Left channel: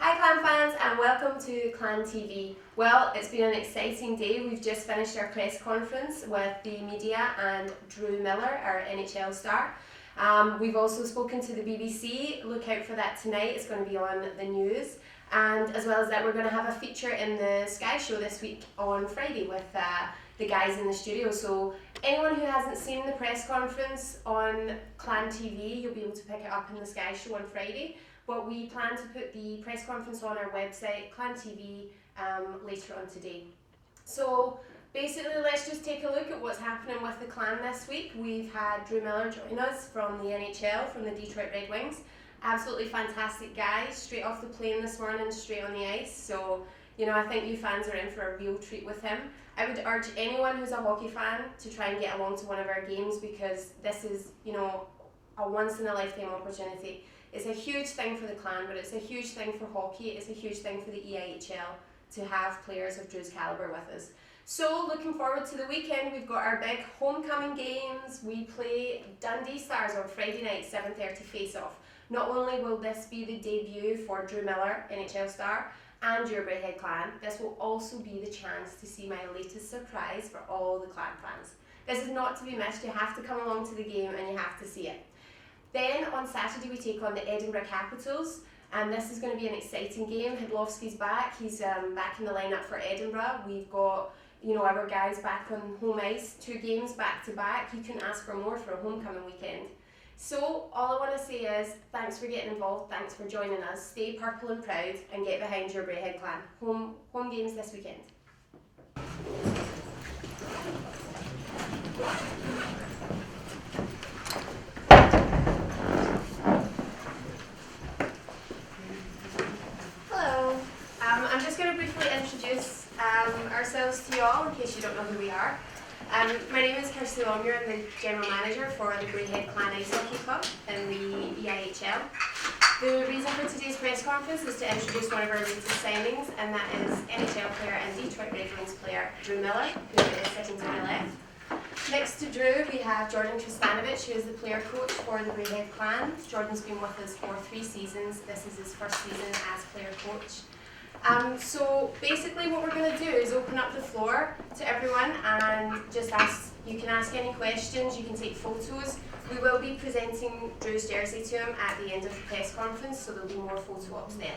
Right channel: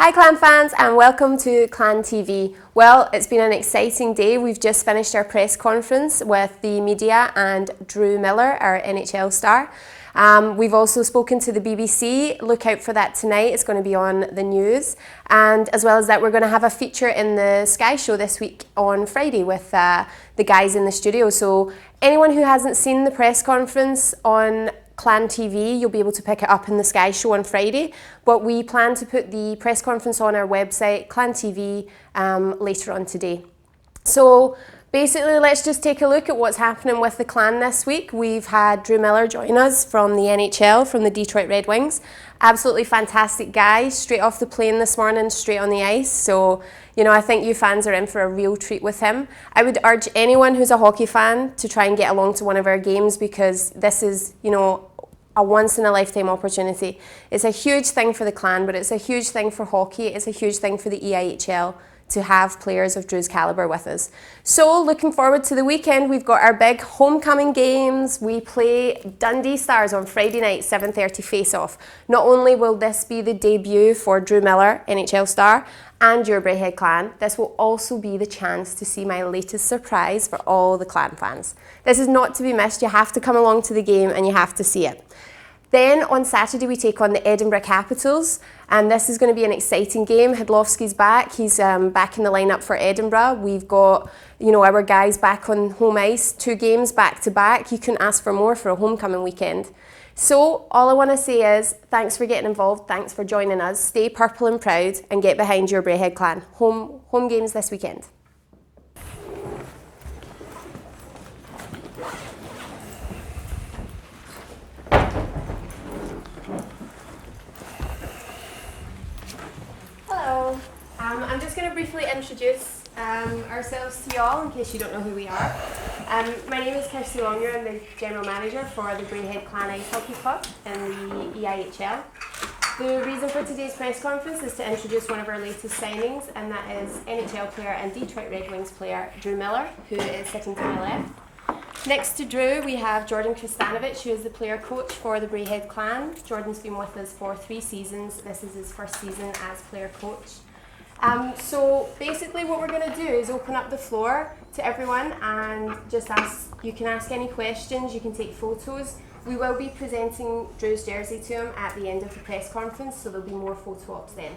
Hi Clan fans and welcome to Clan TV. Well, it's been an exciting day. We've just finished our press conference with the media and Drew Miller, our NHL star. We've also spoken to the BBC. Look out for that tonight. It's going to be on the news. And as well as that, we're going to have a feature in the Sky Show this week on Friday with the guys in the studio. So anyone who hasn't seen the press conference on Clan TV, you'll be able to pick it up in the Sky Show on Friday. But we plan to put the press conference on our website, Clan TV, later on today. So basically, let's just take a look at what's happening with the Clan this week. We've had Drew Miller join us from the NHL, from the Detroit Red Wings. Absolutely fantastic guy, straight off the plane this morning, straight on the ice. So, you know, I think you fans are in for a real treat with him. I would urge anyone who's a hockey fan to try and get along to one of our games because this is, you know, a once-in-a-lifetime opportunity. It's a huge thing for the Clan, but it's a huge thing for hockey. It's a huge thing for the EIHL to have players of Drew's calibre with us. So looking forward to the weekend. We've got our big homecoming games. We play Dundee Stars on Friday night, 7:30 face-off. Not only will this be the debut for Drew Miller, NHL star, and your Braehead Clan, this will also be the chance to see my latest surprise for all the Clan fans. This is not to be missed. You have to come along to the game and you have to see it. Then on Saturday we take on the Edinburgh Capitals, and this is going to be an exciting game. Hidlovsky's back. He's back in the lineup for Edinburgh. We've got, you know, our guys back on home ice, 2 games back to back. You couldn't ask for more for a homecoming weekend. So all I want to say is thanks for getting involved. Thanks for joining us. Stay purple and proud and get behind your Braehead Clan. Home games this weekend. I'm just going to briefly introduce ourselves to you all in case you don't know who we are. My name is Kirsty Longmuir. I'm the General Manager for the Braehead Clan Ice Hockey Club in the EIHL. The reason for today's press conference is to introduce one of our latest signings, and that is NHL player and Detroit Red Wings player Drew Miller, who is sitting to my left. Next to Drew, we have Jordan Kristanovich, who is the player coach for the Braehead Clan. Jordan's been with us for 3 seasons. This is his first season as player coach. So basically what we're going to do is open up the floor to everyone and just ask, you can ask any questions, you can take photos. We will be presenting Drew's jersey to him at the end of the press conference, so there'll be more photo ops then.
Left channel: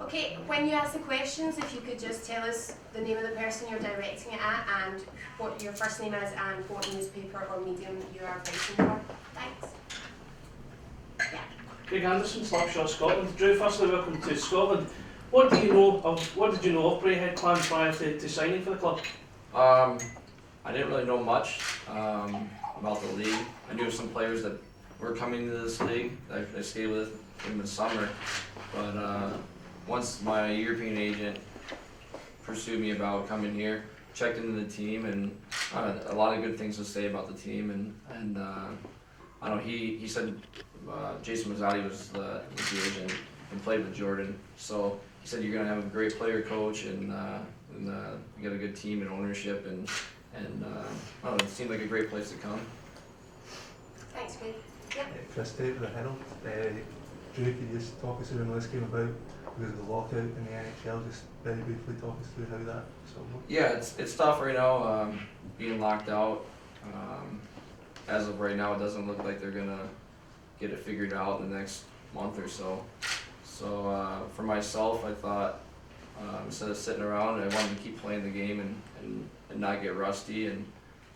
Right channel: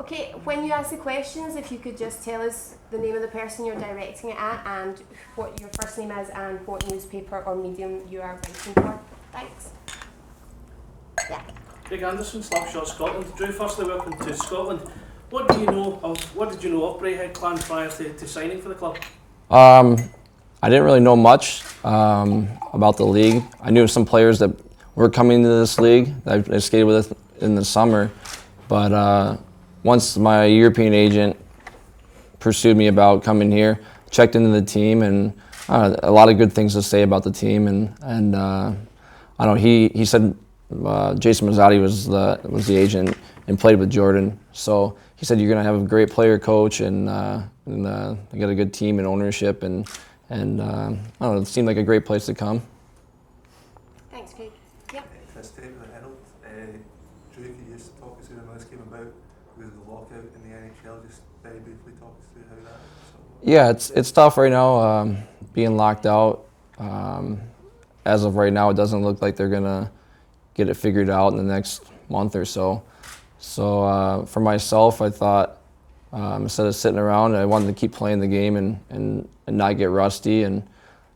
Okay, when you ask the questions, if you could just tell us the name of the person you're directing it at and what your first name is and what newspaper or medium you are writing for. Thanks. Yeah. Craig Anderson, Slapshot, Scotland. Drew, firstly welcome to Scotland. What did you know of Braehead Clan prior to signing for the club? I didn't really know much about the league. I knew some players that were coming into this league that I skated with in the summer, but once my European agent pursued me about coming here, checked into the team, and a lot of good things to say about the team, and I don't know. He said Jason Mazzotti was the agent and played with Jordan, so he said you're gonna have a great player coach and you got a good team and ownership and I don't know, it seemed like a great place to come. Thanks, Craig. Yeah. Kirsty with the Herald. Drew, can you just talk us through when this came about? With the lockout in the NHL, just very briefly talk us through how that. Yeah, it's tough right now, being locked out. As of right now, it doesn't look like they're gonna get it figured out in the next month or so. So for myself, I thought instead of sitting around, I wanted to keep playing the game and not get rusty. And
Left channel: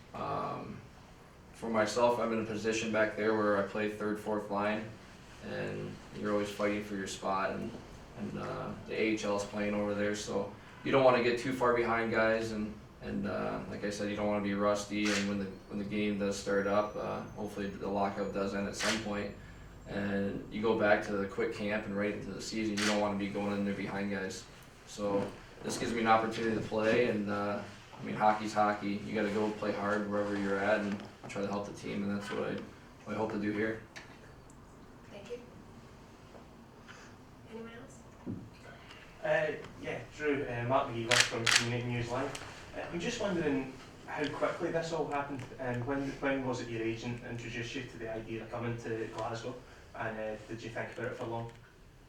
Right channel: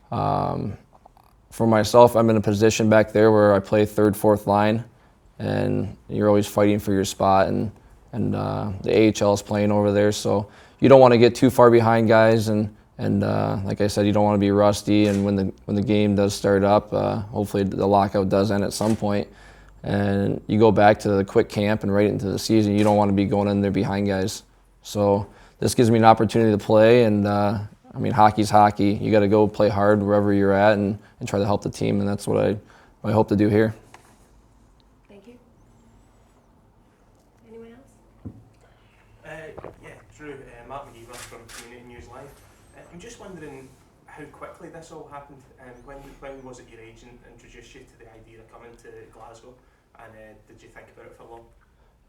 for myself, I'm in a position back there where I play 3rd, 4th line, and you're always fighting for your spot. And the AHL is playing over there, so you don't want to get too far behind guys. And like I said, you don't want to be rusty. And when the game does start up, hopefully the lockout does end at some point, and you go back to the quick camp and right into the season, you don't want to be going in there behind guys. So this gives me an opportunity to play, and I mean, hockey's hockey. You got to go play hard wherever you're at and try to help the team, and that's what I hope to do here. Thank you. Anyone else? Yeah, Drew, Mark McGee from Community News Live. I'm just wondering how quickly this all happened, and when was it your agent introduced you to the idea of coming to Glasgow, and did you think about it for long?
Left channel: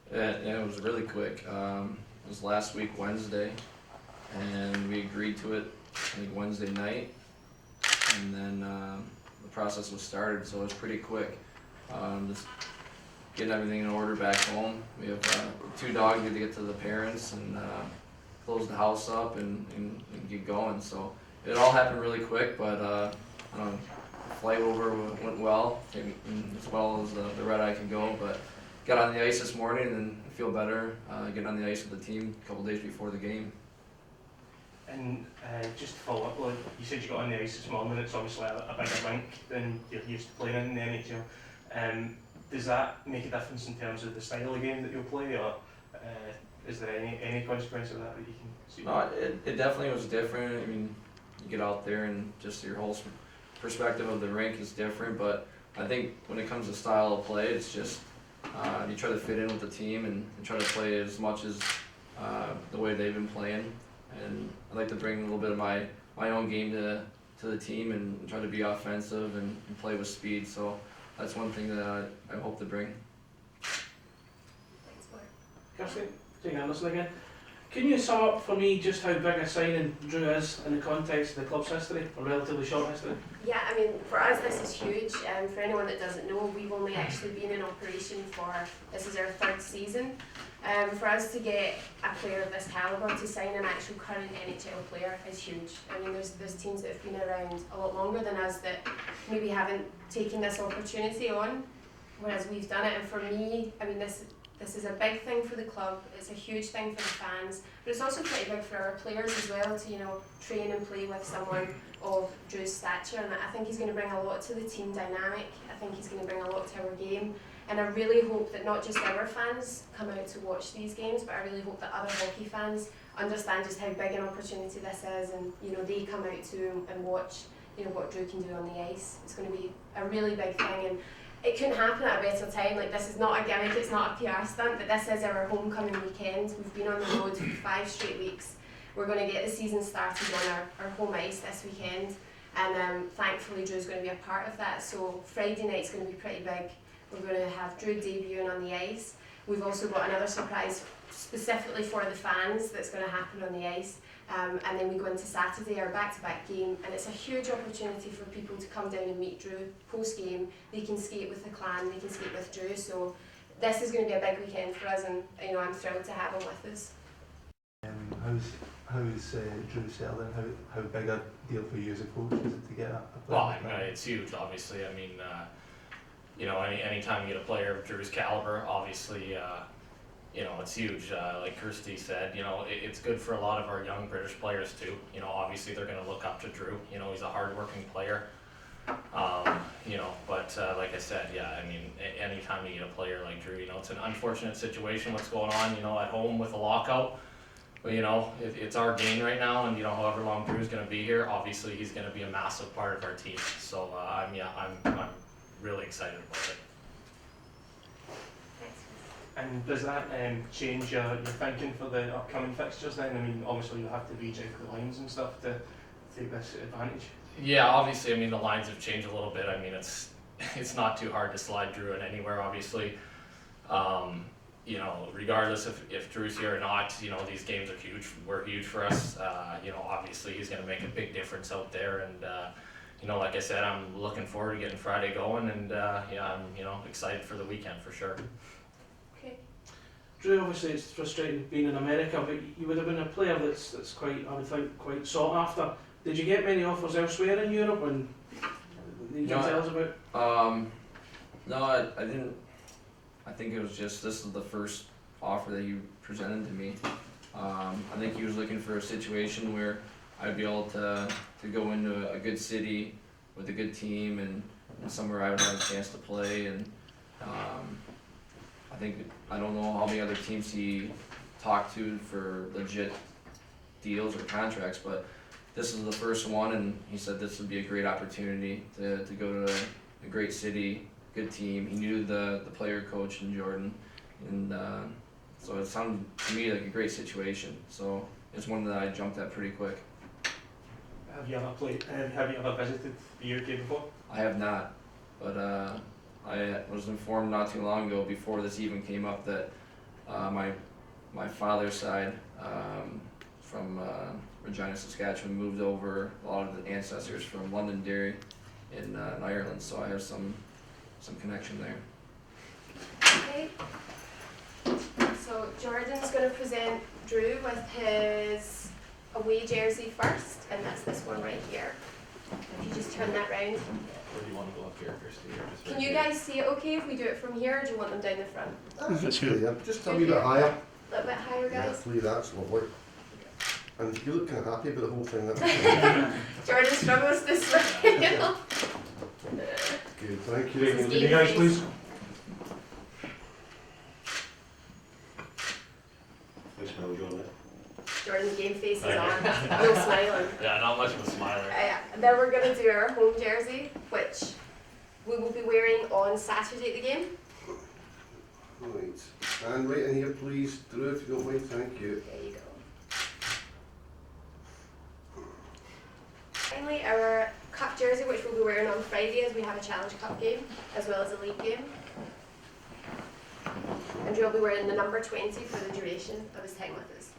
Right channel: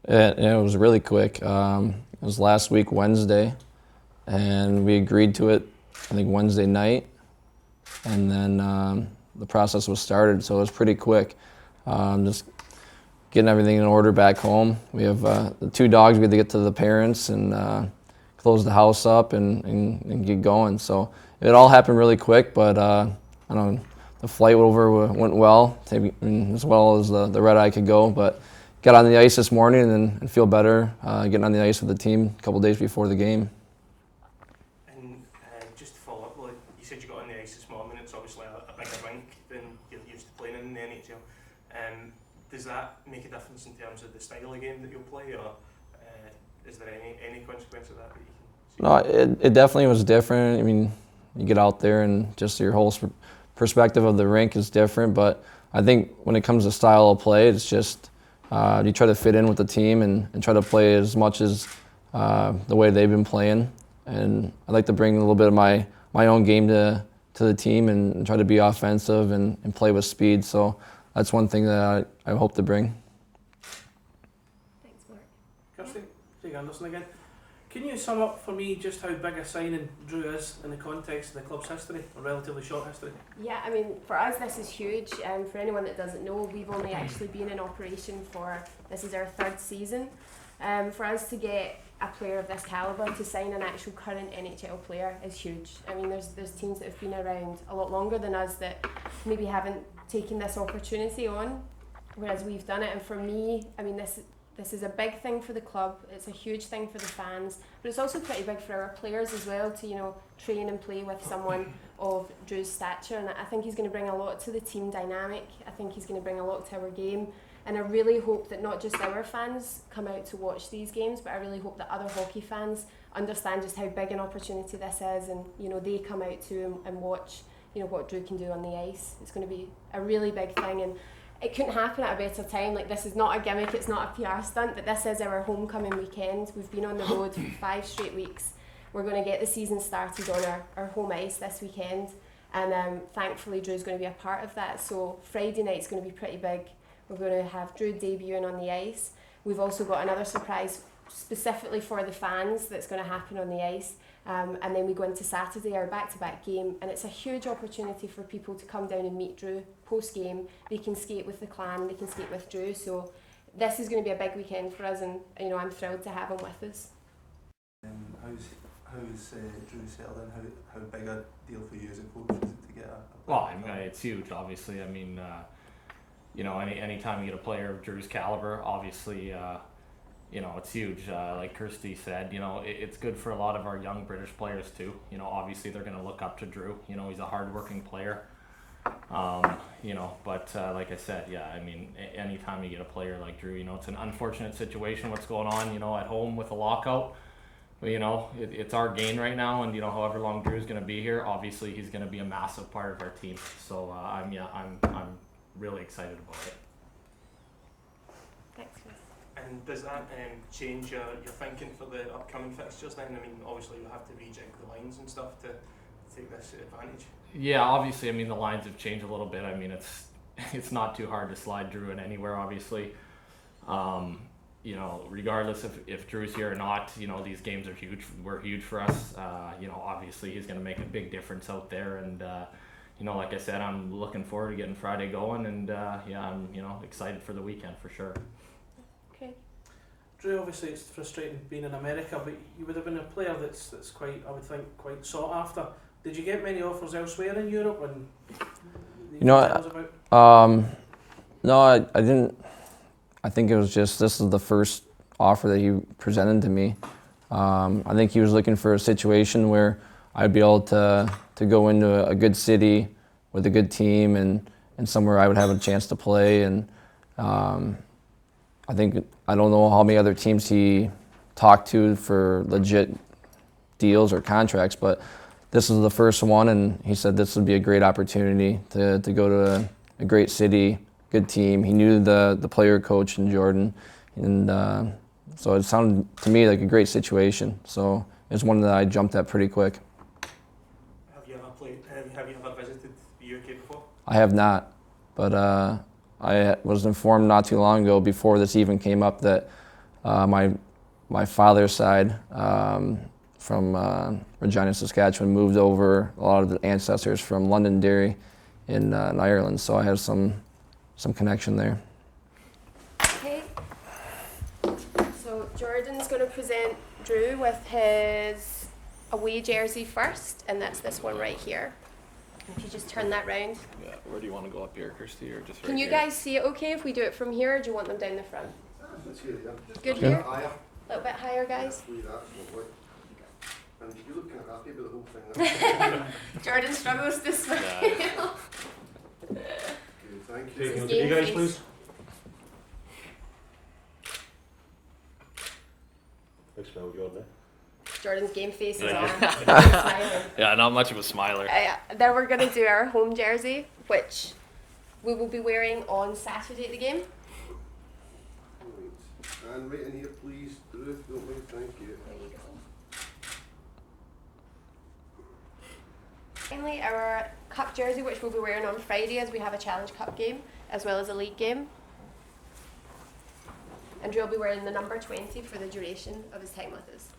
It was really quick. It was last week Wednesday, and we agreed to it, I think Wednesday night, and then the process was started, so it was pretty quick. Just getting everything in order back home. We have the 2 dogs. We had to get to the parents and close the house up and get going. So it all happened really quick, but I don't know, the flight over went well, as well as the red eye could go. But got on the ice this morning and feel better getting on the ice with the team a couple days before the game. And just to follow up, like you said, you got on the ice this morning. It's obviously a bigger rink than you're used to playing in the NHL. Does that make a difference in terms of the style of game that you'll play, or is there any consequence of that you can see? No, it definitely was different. I mean, you get out there and just your whole perspective of the rink is different. But I think when it comes to style of play, it's just you try to fit in with the team and try to play as much as the way they've been playing. And I like to bring a little bit of my own game to the team and try to be offensive and play with speed. So that's one thing that I hope to bring. Kirsty, take Anderson again. Can you sum up for me just how big a signing Drew is in the context of the club's history, a relatively short history? Yeah, I mean, for us this is huge. For anyone that doesn't know, we've only actually been in operation this is our 3rd season. For us to get a player of this calibre to sign an actual current NHL player is huge. I mean, there's teams that have been around a lot longer than us that maybe haven't taken this opportunity on, whereas we've done it. And for me, I mean, this is a big thing for the club. It's a huge thing for the fans, but it's also pretty big for our players as well to train and play with someone of Drew's stature. And I think he's going to bring a lot to the team dynamic. I think he's going to bring a lot to our game. And I really hope that not just our fans come out to watch these games, but I really hope that other hockey fans understand just how big an opportunity this is, and they come out to and watch what Drew can do on the ice. It's going to be a really big thing, and it couldn't happen at a better time. Like, this is not a gimmick, it's not a PR stunt, but this is our homecoming weekend. We've been on the road for 5 straight weeks. We're going to get the season started on our home ice this weekend, and thankfully Drew's going to be a part of that. So Friday night's going to be pretty big. We're going to have Drew debuting on the ice. We've also got another surprise specifically for the fans that's going to happen on the ice. And then we go into Saturday, our back-to-back game, and it's a huge opportunity for people to come down and meet Drew post-game. They can skate with the clan, they can skate with Drew. So this is going to be a big weekend for us, and I'm thrilled to have him with us. How's Drew settling? How big a deal for you as a coach is it to get a Well, I mean, it's huge, obviously. I mean, anytime you get a player of Drew's caliber, obviously, it's huge. Like Kirsty said, it's good for a lot of our young British players too. Obviously they're going to look up to Drew. He's a hard-working player. But like I said, yeah, I mean, anytime you get a player like Drew, it's an unfortunate situation what's going on, at home with a lockout. But, it's our game right now, and, however long Drew's going to be here, obviously he's going to be a massive part of our team. So, I'm really excited about it. And does that change your thinking for the upcoming fixtures then? I mean, obviously you'll have to rejig the lines and stuff to take this advantage. Yeah, obviously, I mean, the lines have changed a little bit. I mean, it's not too hard to slide Drew in anywhere, obviously. Regardless if Drew's here or not, these games are huge. Were huge for us. Obviously he's going to make a big difference out there, and like I said, I'm looking forward to getting Friday going, and I'm excited for the weekend for sure. Okay. Drew, obviously it's frustrating being in America, but you would have been a player that's quite, I would think, quite sought after. Did you get many offers elsewhere in Europe? And No, I didn't. I think it was just this is the first offer that he presented to me. I think he was looking for a situation where I'd be able to go into a good city with a good team and somewhere I would have a chance to play. And I don't know how many other teams he talked to for legit deals or contracts, but this is the first one, and he said this would be a great opportunity to go to a great city, good team. He knew the player coach in Jordan, and so it sounded to me like a great situation. So it's one that I jumped at pretty quick. Have you ever visited the UK before? I have not, but I was informed not too long ago, before this even came up, that My father's side, from Regina, Saskatchewan, moved over. A lot of the ancestors from Londonderry in Ireland, so I have some connection there. Okay. So Jordan's going to present Drew with his away jersey first, and that's this one right here. If you just turn that round. Yeah, where do you want to go up here, Kirsty, or just Can right you here? guys see it okay if we do it from here, or do you want them down the front? That's good. Yeah. Just a Good wee bit here. higher. A little bit higher, Yeah, guys. please, that's lovely. And you look kind of happy about the whole thing. That's Jordan struggles this way. good. Thank This you. is You guys, please. Jordan's game face is Yeah. on. He's smiling. Yeah, not much of a smiler. Then we're going to do our home jersey, which we will be wearing on Saturday at the game. Right. Stand right in here, please. Drew, if you don't mind. Thank you. There you go. Finally, our cup jersey, which we'll be wearing on Friday as we have a Challenge Cup game as well as a league game. And you'll be wearing the number 20 for the duration of his time with us.